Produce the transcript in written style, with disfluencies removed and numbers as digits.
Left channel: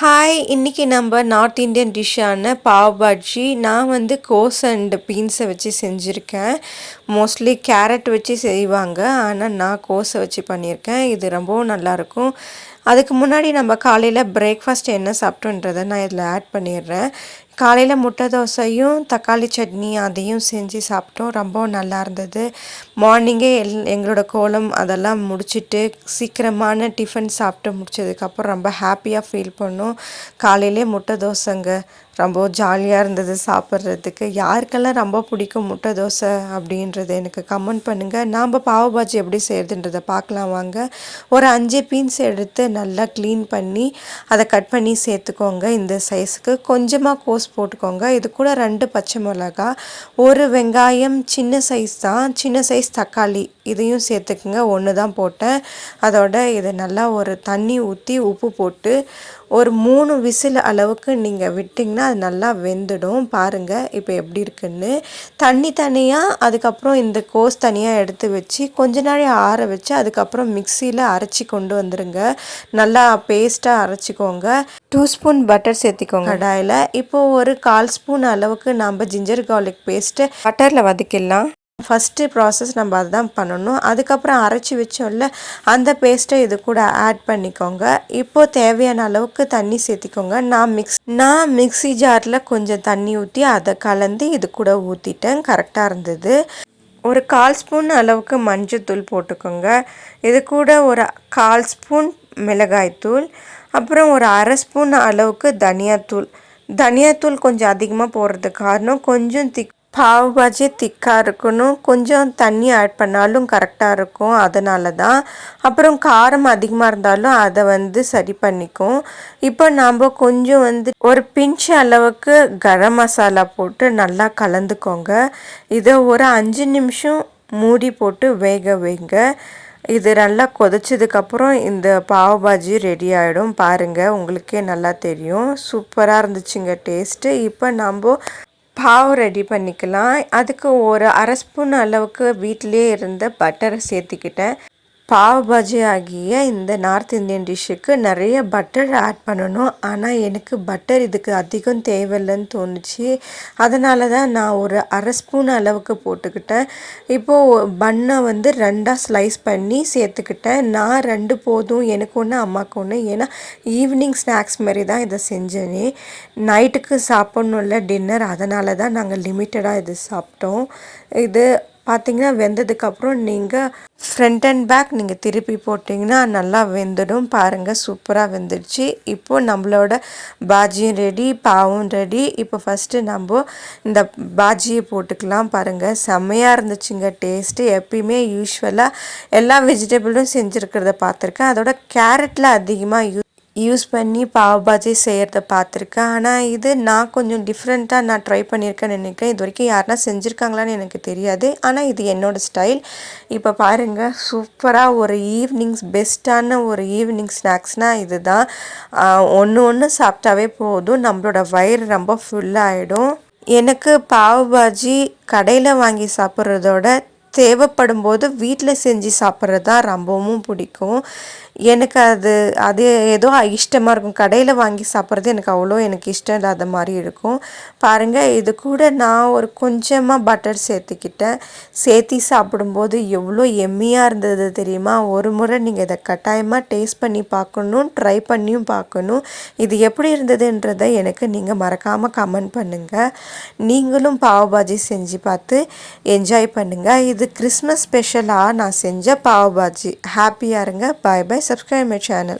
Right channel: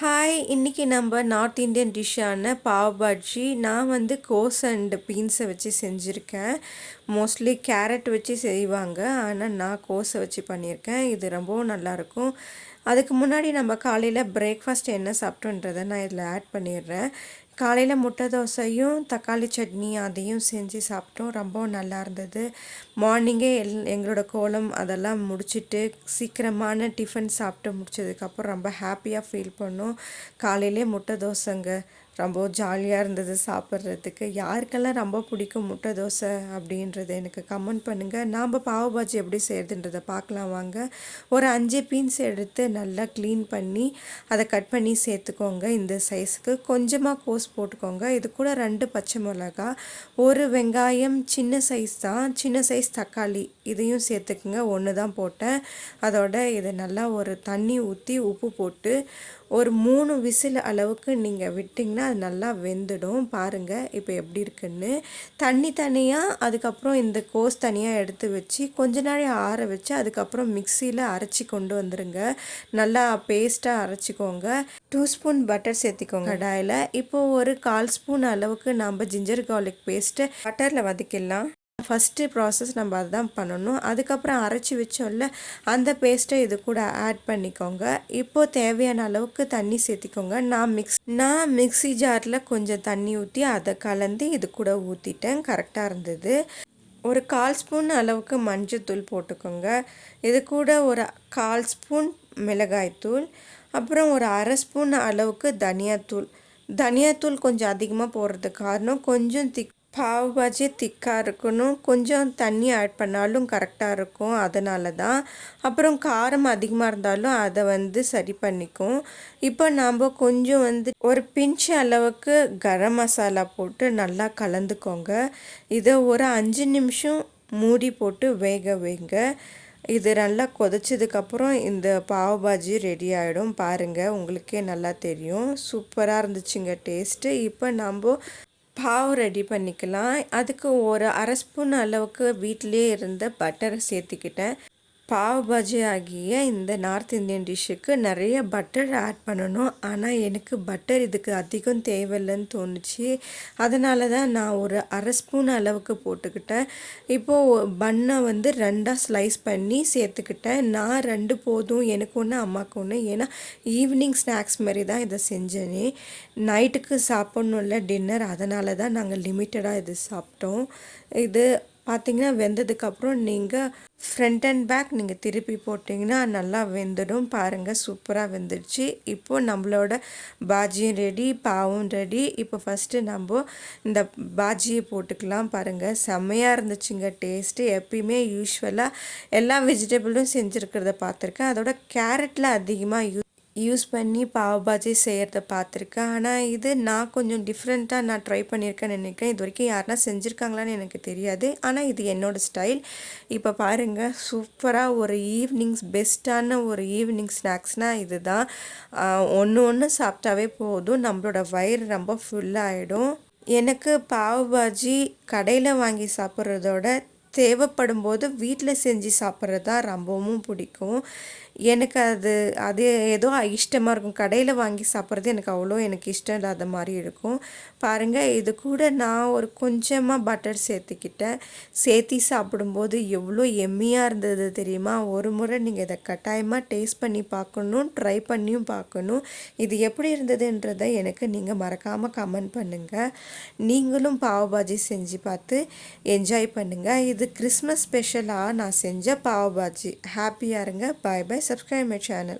Hi! இன்னைக்கு நம்ம north Indian டிஷ்ஷான pav Baji நான் கோஸ் அண்ட் பீன்ஸை வச்சு செஞ்சுருக்கேன். மோஸ்ட்லி கேரட் வச்சு செய்வாங்க. ஆனால் நான் கோஸை வச்சு பண்ணியிருக்கேன். இது ரொம்பவும் நல்லாயிருக்கும். அதுக்கு முன்னாடி நம்ம காலையில் பிரேக்ஃபாஸ்ட் என்ன சாப்பிட்டோன்றதை நான் இதில் ஆட் பண்ணிடுறேன். காலையில் முட்டை தோசையும் தக்காளி சட்னி அதையும் செஞ்சு சாப்பிட்டோம். ரொம்பவும் நல்லா இருந்தது. மார்னிங்கே எங்களோட கோலம் அதெல்லாம் முடிச்சுட்டு சீக்கிரமான டிஃபன் சாப்பிட்டு முடிச்சதுக்கப்புறம் ரொம்ப ஹாப்பியாக ஃபீல் பண்ணோம். காலையிலே முட்டை தோசைங்க. ரொம்ப ஜாலியாக இருந்தது சாப்பிட்றதுக்கு. யாருக்கெல்லாம் ரொம்ப பிடிக்கும் முட்டை தோசை அப்படின்றது எனக்கு கமெண்ட் பண்ணுங்கள். நாம் பாவ் பாஜி எப்படி செய்கிறதுன்றதை பார்க்கலாம் வாங்க. ஒரு 5 பீன்ஸ் எடுத்து நல்லா க்ளீன் பண்ணி அதை கட் பண்ணி சேர்த்துக்கோங்க. இந்த சைஸுக்கு கொஞ்சமாக கோஸ் போட்டுக்கோங்க. இது கூட 2 பச்சை மிளகா, ஒரு வெங்காயம், சின்ன சைஸ் தான், சின்ன சைஸ் தக்காளி இதையும் சேர்த்துக்குங்க. 1 தான் போட்டேன். அதோட இதை நல்லா ஒரு தண்ணி ஊற்றி உப்பு போட்டு ஒரு 3 விசில் அளவுக்கு நீங்கள் விட்டிங்கன்னா அது நல்லா வெந்துடும். பாருங்கள் இப்போ எப்படி இருக்குன்னு. தண்ணி தனியாக, அதுக்கப்புறம் இந்த கோஸ் தனியாக எடுத்து வச்சு கொஞ்ச நாள் ஆற வச்சு அதுக்கப்புறம் மிக்சியில் அரைச்சி கொண்டு வந்துடுங்க. நல்லா பேஸ்ட்டாக அரைச்சிக்கோங்க. 2 ஸ்பூன் பட்டர் சேர்த்திக்கோங்க கடாயில். இப்போது ஒரு 1/4 ஸ்பூன் அளவுக்கு நம்ம ஜிஞ்சர் கார்லிக் பேஸ்ட்டு பட்டரில் வதக்கிடலாம். ஃபஸ்ட்டு ப்ராசஸ் நம்ம அதுதான் பண்ணணும். அதுக்கப்புறம் அரைச்சி வச்சோம்ல அந்த பேஸ்ட்டை இது கூட ஆட் பண்ணிக்கோங்க. இப்போது தேவையான அளவுக்கு தண்ணி சேர்த்திக்கோங்க. நான் மிக்ஸி ஜாரில் கொஞ்சம் தண்ணி ஊற்றி அதை கலந்து இது கூட ஊற்றிட்டேன். கரெக்டாக இருந்தது. ஒரு 1/4 ஸ்பூன் அளவுக்கு மஞ்சள்தூள் போட்டுக்கோங்க. இது கூட ஒரு 1/4 ஸ்பூன் மிளகாய்த்தூள், அப்புறம் ஒரு 1/2 ஸ்பூன் அளவுக்கு தனியாத்தூள் கொஞ்சம் அதிகமாக போடுறதுக்கு காரணம் கொஞ்சம் பாவ் பாஜி திக்காக இருக்கணும். கொஞ்சம் தண்ணி ஆட் பண்ணாலும் கரெக்டாக இருக்கும், அதனால தான். அப்புறம் காரம் அதிகமாக இருந்தாலும் அதை சரி பண்ணிக்கும். இப்போ நாம் கொஞ்சம் ஒரு பிஞ்ச் அளவுக்கு கரம் மசாலா போட்டு நல்லா கலந்துக்கோங்க. இதை ஒரு 5 நிமிஷம் மூடி போட்டு வேக வைங்க. இது நல்லா கொதிச்சதுக்கப்புறம் இந்த பாவ் பாஜி ரெடி ஆகிடும். பாருங்கள், உங்களுக்கே நல்லா தெரியும். சூப்பராக இருந்துச்சுங்க டேஸ்ட்டு. இப்போ நம்ம பாவ் ரெடி பண்ணிக்கலாம். அதுக்கு ஒரு 1/2 ஸ்பூன் அளவுக்கு வீட்டிலே இருந்த பட்டரை சேர்த்திக்கிட்டேன். பாவ் பாஜி ஆகிய இந்த நார்த் இந்தியன் டிஷ்ஷுக்கு நிறைய பட்டர் ஆட் பண்ணணும். ஆனால் எனக்கு பட்டர் இதுக்கு அதிகம் தேவையில்லைன்னு தோணுச்சு. அதனால தான் நான் ஒரு 1/2 ஸ்பூன் அளவுக்கு போட்டுக்கிட்டேன். இப்போது பன்னை 2ஆக ஸ்லைஸ் பண்ணி சேர்த்துக்கிட்டேன். நான் 2 போதும், எனக்கு ஒன்று அம்மாவுக்கு ஒன்று. ஏன்னா ஈவினிங் ஸ்நாக்ஸ் மாதிரி தான் இதை செஞ்சேனே. நைட்டுக்கு சாப்பிட்ணுல்ல டின்னர், அதனால தான் நாங்கள் லிமிட்டடாக இது சாப்பிட்டோம். இது பார்த்திங்கன்னா வெந்ததுக்கப்புறம் நீங்கள் ஃப்ரண்ட் அண்ட் பேக் நீங்கள் திருப்பி போட்டிங்கன்னா நல்லா வெந்துடும். பாருங்கள், சூப்பராக வெந்துடுச்சு. இப்போது நம்மளோட பாஜியும் ரெடி, பாவும் ரெடி. இப்போ ஃபஸ்ட்டு நம்ம இந்த பாஜியை போட்டுக்கலாம். பாருங்கள், செம்மையாக இருந்துச்சுங்க டேஸ்ட்டு. எப்பயுமே யூஸ்வலாக எல்லா வெஜிடபிளும் செஞ்சுருக்கிறத பார்த்துருக்கேன். அதோட கேரட்டில் அதிகமாக யூஸ் பண்ணி பாவ் பாஜி செய்கிறத பார்த்துருக்கேன். ஆனால் இது நான் கொஞ்சம் டிஃப்ரெண்ட்டாக நான் ட்ரை பண்ணியிருக்கேன்னு நினைக்கிறேன். இது வரைக்கும் யாருனா செஞ்சுருக்காங்களான்னு எனக்கு தெரியாது. ஆனால் இது என்னோடய ஸ்டைல். இப்போ பாருங்கள், சூப்பராக ஒரு பெஸ்ட்டான ஒரு ஈவினிங் ஸ்நாக்ஸ்னால் இது தான். ஒன்று சாப்பிட்டாவே போதும், நம்மளோட வயிறு ரொம்ப ஃபுல்லாகிடும். எனக்கு பாவ் பாஜி கடையில் வாங்கி சாப்பிட்றதோட தேவைப்படும் போது வீட்டில் செஞ்சு சாப்பிட்றது தான் ரொம்பவும் பிடிக்கும். எனக்கு அது ஏதோ இஷ்டமாக இருக்கும். கடையில் வாங்கி சாப்பிட்றது எனக்கு இஷ்டம் இல்லாத மாதிரி இருக்கும். பாருங்கள், இது கூட நான் ஒரு கொஞ்சமாக பட்டர் சேர்த்து சாப்பிடும்போது எவ்வளோ எம்மியாக இருந்தது தெரியுமா? ஒரு முறை நீங்கள் இதை கட்டாயமாக டேஸ்ட் பண்ணி பார்க்கணும், ட்ரை பண்ணியும் பார்க்கணும். இது எப்படி இருந்ததுன்றதை எனக்கு நீங்கள் மறக்காமல் கமெண்ட் பண்ணுங்கள். நீங்களும் பாவ் பாஜி செஞ்சு பார்த்து என்ஜாய் பண்ணுங்கள். இது கிறிஸ்மஸ் ஸ்பெஷலாக நான் செஞ்ச பாவ் பாஜி. ஹாப்பியாக இருங்க. பாய் பாய். Subscribe my channel.